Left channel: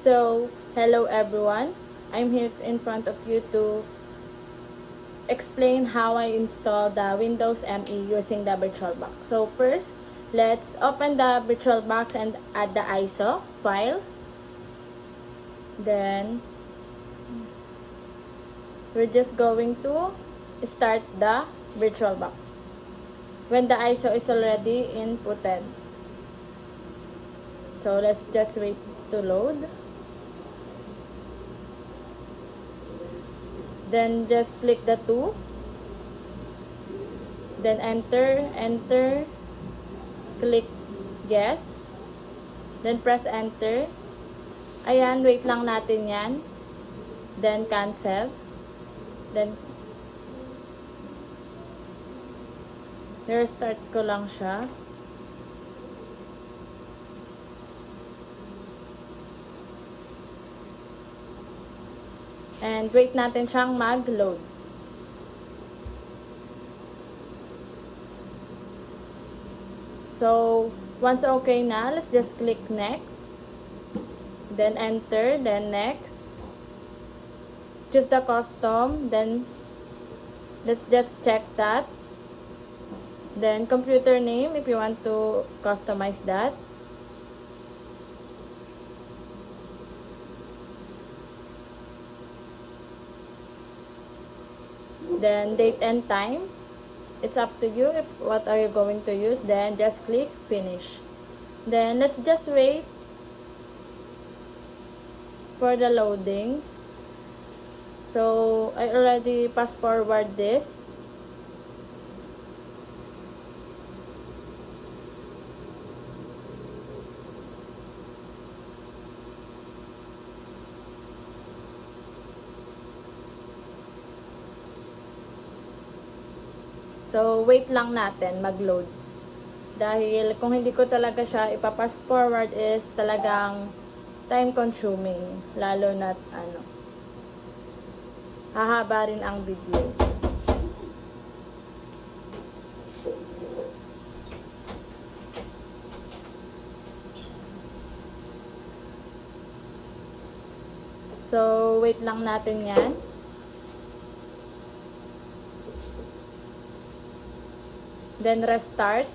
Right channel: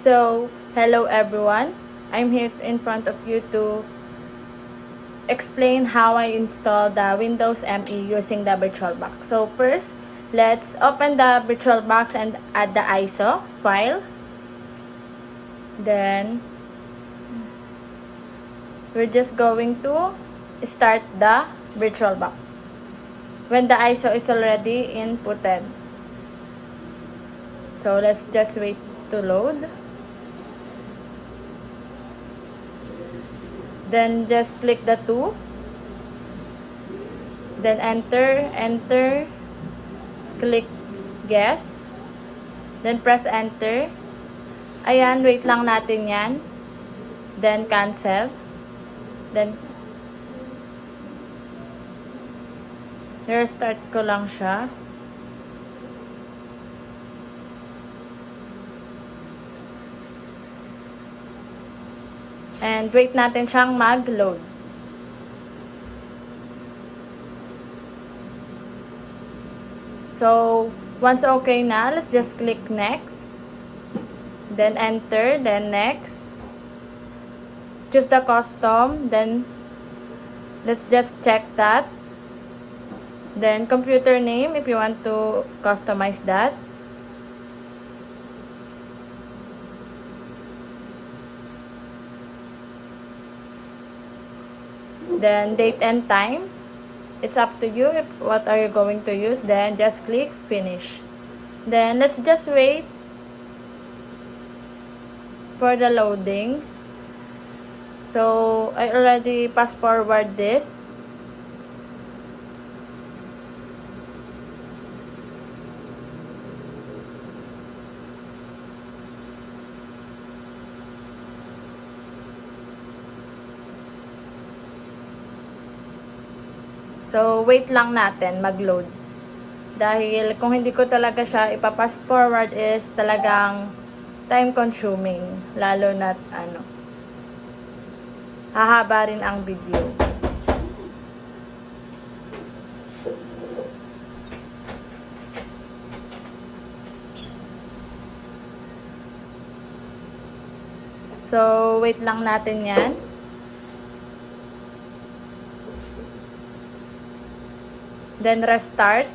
So, hello everyone. I'm here in front of you to explain how I install the Windows ME using the VirtualBox. So first, let's open the VirtualBox and add the ISO file. Then, we're just going to start the VirtualBox when the ISO is already inputted. So let's just wait to load. Then just click the 2. Then enter, click guess. Then press enter. Ayan, wait lang natin yan. Then cancel. Then restart ko lang siya. And wait natin siyang mag-load. So, once okay na, let's just click next. Then enter, then next. Choose the custom, then let's just check that. Then computer name if you want to customize that. Then date and time, it's up to you if what are you going to use. Then just click finish. Then let's just wait for the loading. So I already fast forward this. So, wait lang natin mag-load. Dahil kung hindi ko talaga siya ipa-fast forward is talagang time consuming. Lalo na hahaba rin ang video. So, wait lang natin yan. Then restart.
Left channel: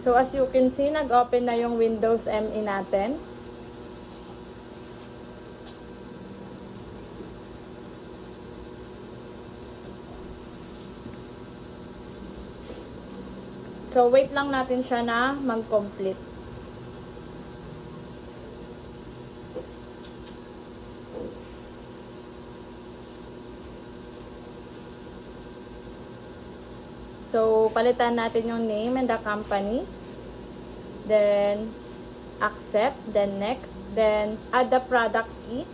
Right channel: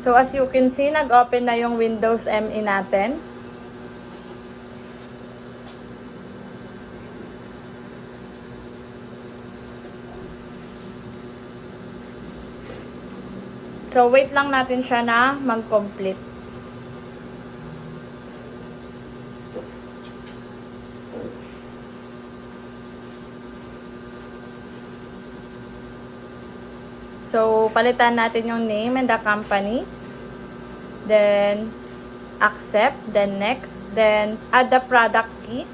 So as you can see, nag-open na yung Windows ME natin. So wait lang natin siya na mag-complete. So, palitan natin yung name and the company. Then, accept. Then, next. Then, add the product key.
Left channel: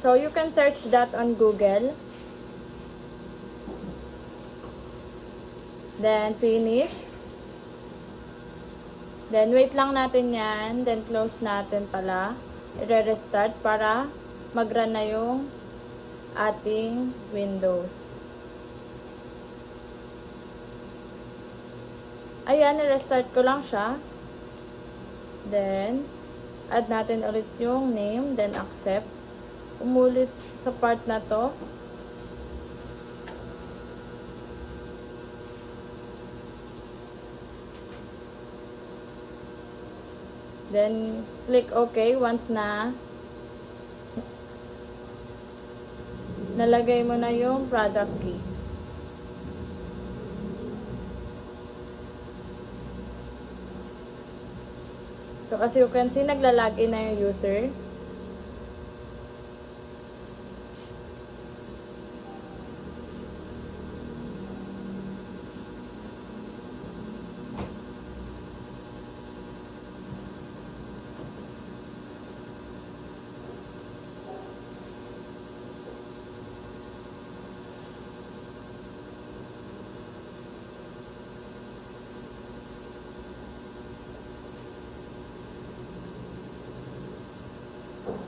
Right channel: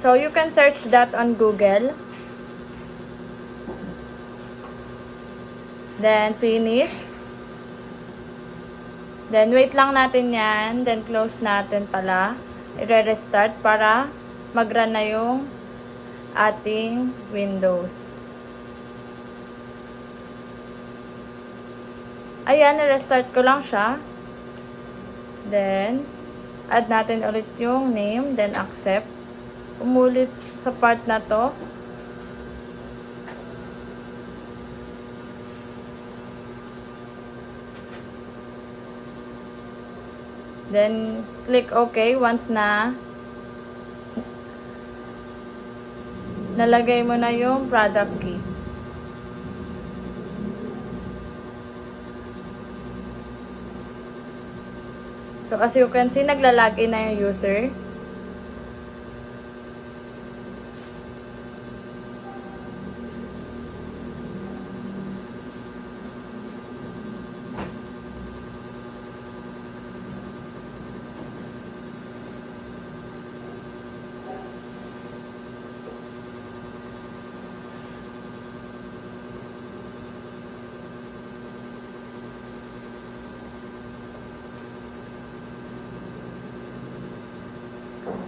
So, you can search that on Google. Then, finish. Then, wait lang natin yan. Then, close natin pala. I-restart para mag-run na yung ating Windows. Ayan, i-restart ko lang siya. Then, add natin ulit yung name. Then, accept. Umulit sa part na to. Then, click OK once na nalagay mo na yung product key. So, as you can see, naglalagin na yung user.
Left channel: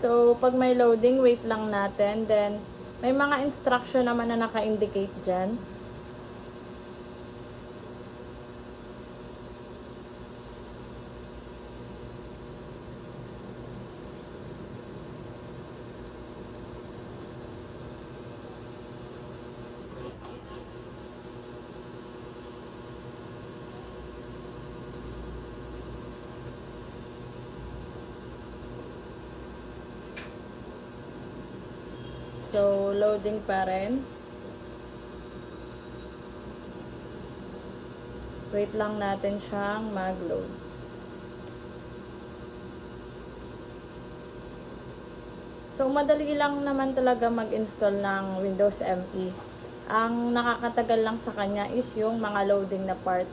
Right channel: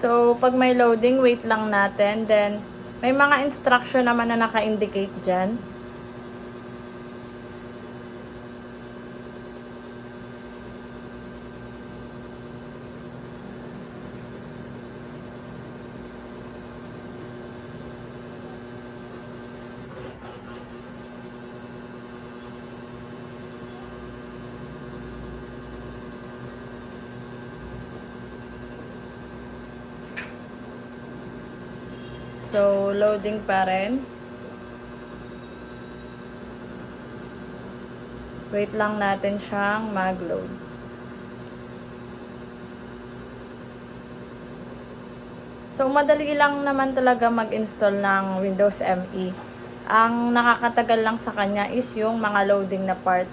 So, pag may loading, wait lang natin. Then, May mga instruction naman na naka-indicate dyan. So, loading pa rin. Wait lang natin siyang mag-load. So, madali lang naman talaga mag-install ng Windows ME. Ang nakakatagal lang sa kanya is yung mga loading na part.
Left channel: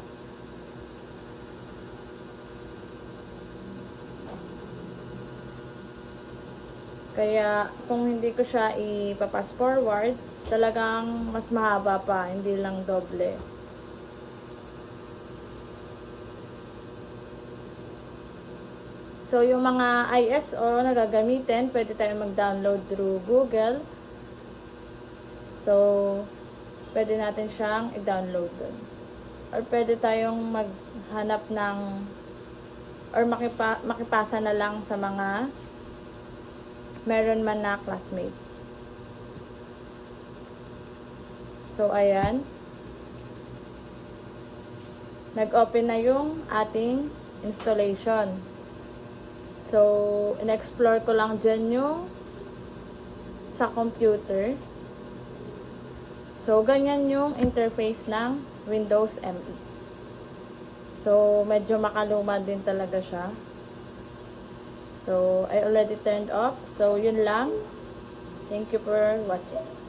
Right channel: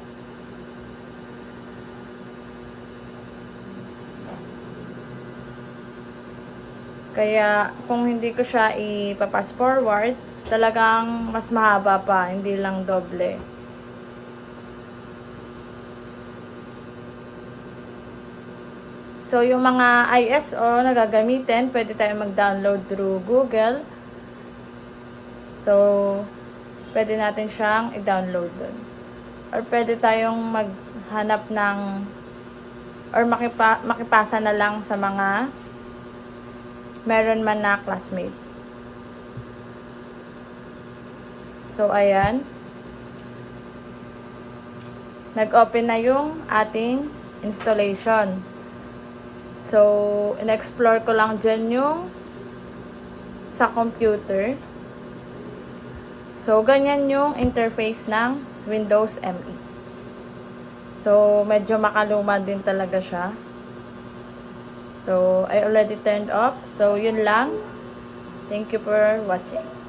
Kaya, kung hindi ko siya ipapass forward, talagang mas mahaba pa, hindi lang doble. So, yung mga ISO na gagamitin, pwede tayo mag-download through Google. So, pwede natin siyang i-download dun. Or pwede tayong maghanap ng, or makipasa na lang sa mga meron man na classmate. So, ayan. Nag-open na yung ating installation. So, in-explore ko lang dyan yung sa computer. So, ganyan yung interface ng Windows ME. So, medyo makaluma din talaga siya. So, I already turned off. So, yun lang. Thank you for watching.